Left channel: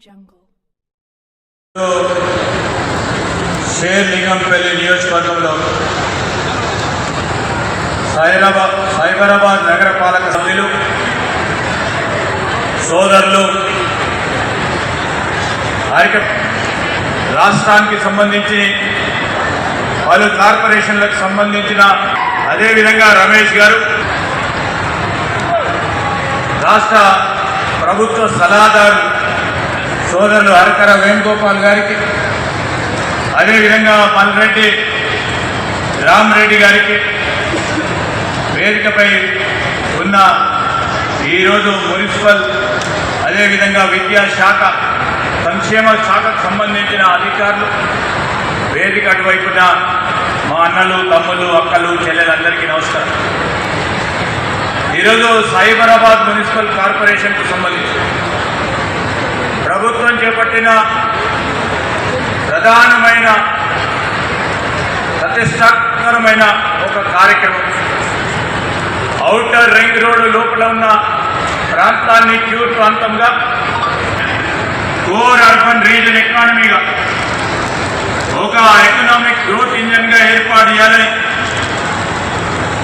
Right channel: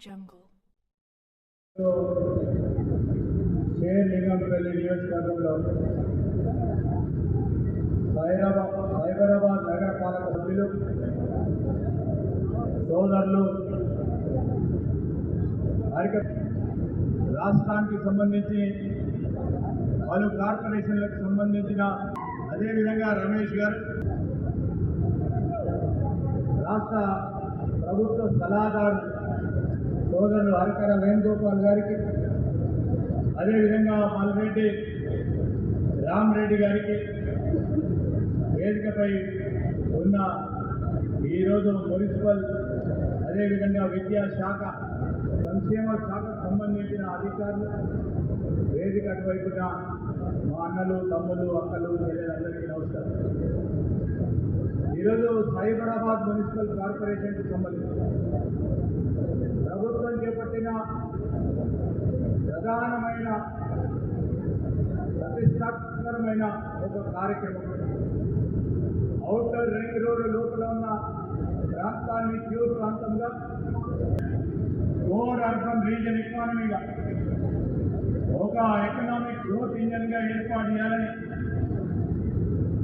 Jungle. Serilingampally నియోజకవర్గంలో సైబరాబాద్ నగరపాలక సభ్యులు సోదరులు రాష్ట్రానికి సంబంధించి పలు కార్పొరేషన్లకు సంబంధించిన అదేవిధంగా రమేష్ గారు రాష్ట్ర ప్రభుత్వ సలహాదారు సోదరులు హరకర వేణుగోపాల్ గారికి అదేవిధంగా పల్రెడ్డి రామరెడ్డి గారికి వేదికపై ఉన్న ఈరోజు మున్సిపల్ అదేవిధంగా విద్యాశాఖ సంక్షేమ శాఖకు సంబంధించిన అధికారులు వేదిక అటువైపున మా అన్నలు తమ్ముళ్ళు అక్కలు చెల్లెలందరికీ నమస్కారం. ఈరోజు సైబరాబాద్ మున్సిపల్ కార్పొరేషన్కు సంబంధించి ప్రభుత్వం చేపట్టిన ప్రధానమైన ప్రతిష్టాత్మకమైన ఒక కార్యక్రమం ఔటర్ రింగ్ రోడ్డు లోపల ఉన్న ప్రాంతాన్ని క్యూర్ ప్రాంతంగా కోర్ అర్బన్ రీజన్ ఎకానమీగా ఒక ఎకనామిక్ గ్రోత్ ఇంజన్గా ఏర్పాటు చేయాలని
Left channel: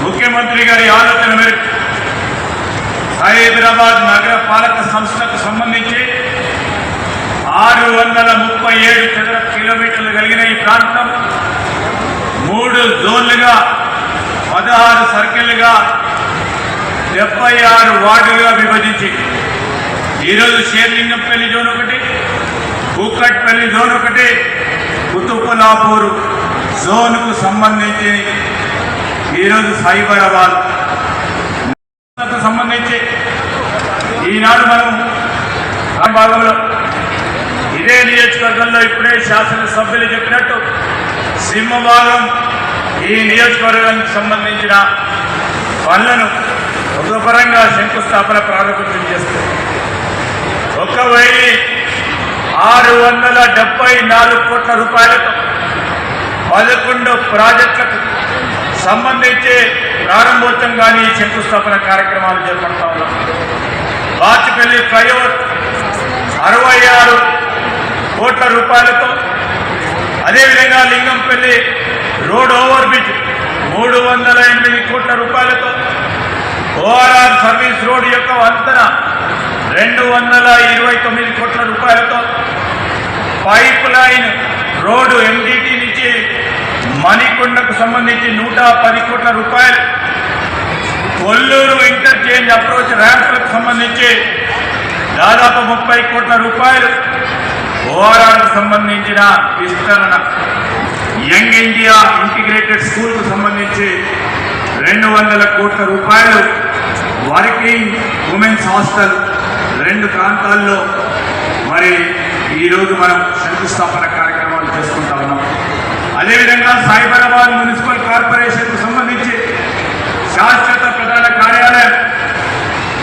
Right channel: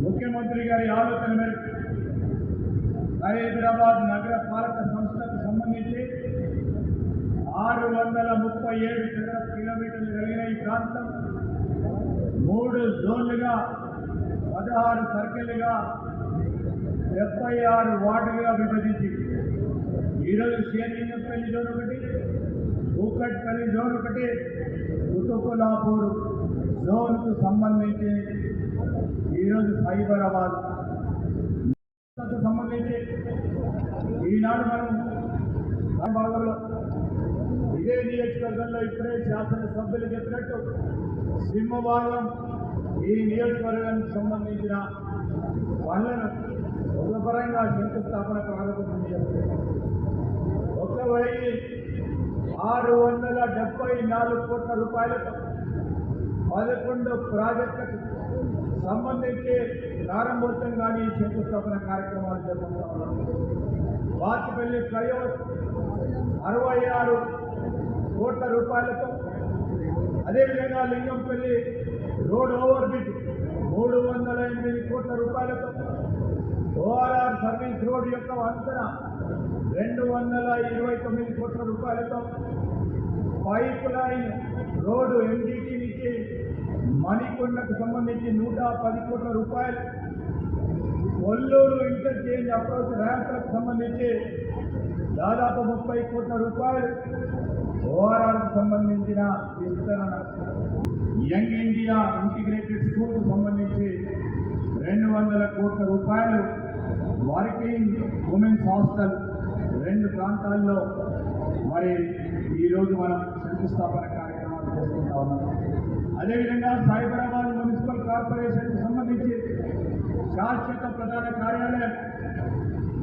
ముఖ్యమంత్రి గారి ఆలోచన మేరకు హైదరాబాద్ నగర పాలక సంస్థకు సంబంధించి 637 చదరపు కిలోమీటర్లు కలిగిన ఈ ప్రాంతం 3 జోన్లుగా 16 సర్కిళ్లుగా 76 వార్డులుగా విభజించి ఈరోజు షేర్లింగంపల్లి జోన్ ఒకటి, కూకట్పల్లి జోన్ ఒకటి, కుతుబులాపూర్ జోన్కు సంబంధించి ఈరోజు సైబరాబాద్ సంబంధించి ఈనాడు మనం భాగంలో ఇదే నియోజకవర్గంలో ఇప్పుడే శాసనసభ్యులు చెప్పినట్టు సింహభాగం ఈ నియోజకవర్గానికి సంబంధించిన పనులను ఉపపరంగా శంకుస్థాపన ప్రారంభం చేస్తుంది. 1674 కోట్ల రూపాయలతో 11 ప్రాజెక్టులకు సంబంధించి ప్రారంభోత్సవం కానీ శంకుస్థాపన కార్యక్రమాలు చేపడతా ఉన్నాం. బాచిపల్లి ఫ్లైఓవర్ 66 కోట్ల రూపాయలతో, అదేవిధంగా లింగంపల్లి రోడ్ ఓవర్ బ్రిడ్జ్ 308 కోట్ల రూపాయలతో, ఓఆర్ఆర్ సర్వీస్ రోడ్ యొక్క వంతెన 229 కోట్ల రూపాయలతో, పైప్ లైన్ రోడ్డు ఎండిటి నుంచి మణికొండకు సంబంధించి 110 కోట్ల రూపాయలు, కొల్లూరు ఇంటర్చేంజ్ అప్రోచ్ ర్యాంపులకు సంబంధించి దాదాపు 30 కోట్ల రూపాయలు, ఓఆర్ఆర్కు సంబంధించిన విస్తరణ, యంగ్ ఇండియా ఇంటిగ్రేటెడ్ స్కూల్కు సంబంధించి 200 కోట్ల రూపాయలు, వర్కింగ్ ఉమెన్స్ హాస్టల్ 2 ప్రాంతాల్లో మరి ఈరోజు మనం శంకుస్థాపన కార్యక్రమాలు చేసుకుంటా ఉన్నాం. అదేవిధంగా సైబరాబాద్ మున్సిపల్ కార్పొరేషన్కు సంబంధించి శాశ్వత ప్రధాన కార్యాలయం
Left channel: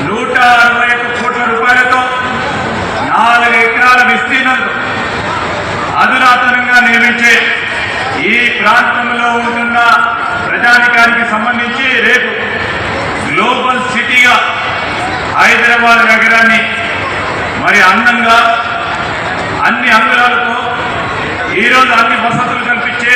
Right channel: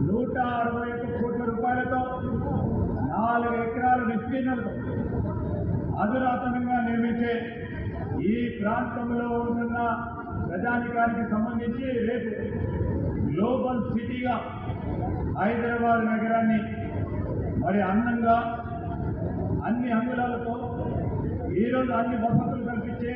161 కోట్ల రూపాయలతో 4 ఎకరాల విస్తీర్ణంతో అధునాతనంగా నిర్మించే ఈ ప్రాంతంలో ఉంటున్న ప్రజానికానికి సంబంధించి రేపు గ్లోబల్ సిటీగా హైదరాబాద్ నగరాన్ని మరి అందంగా అన్ని అంగుళాలతో ఈరోజు అన్ని వసతులు కల్పించే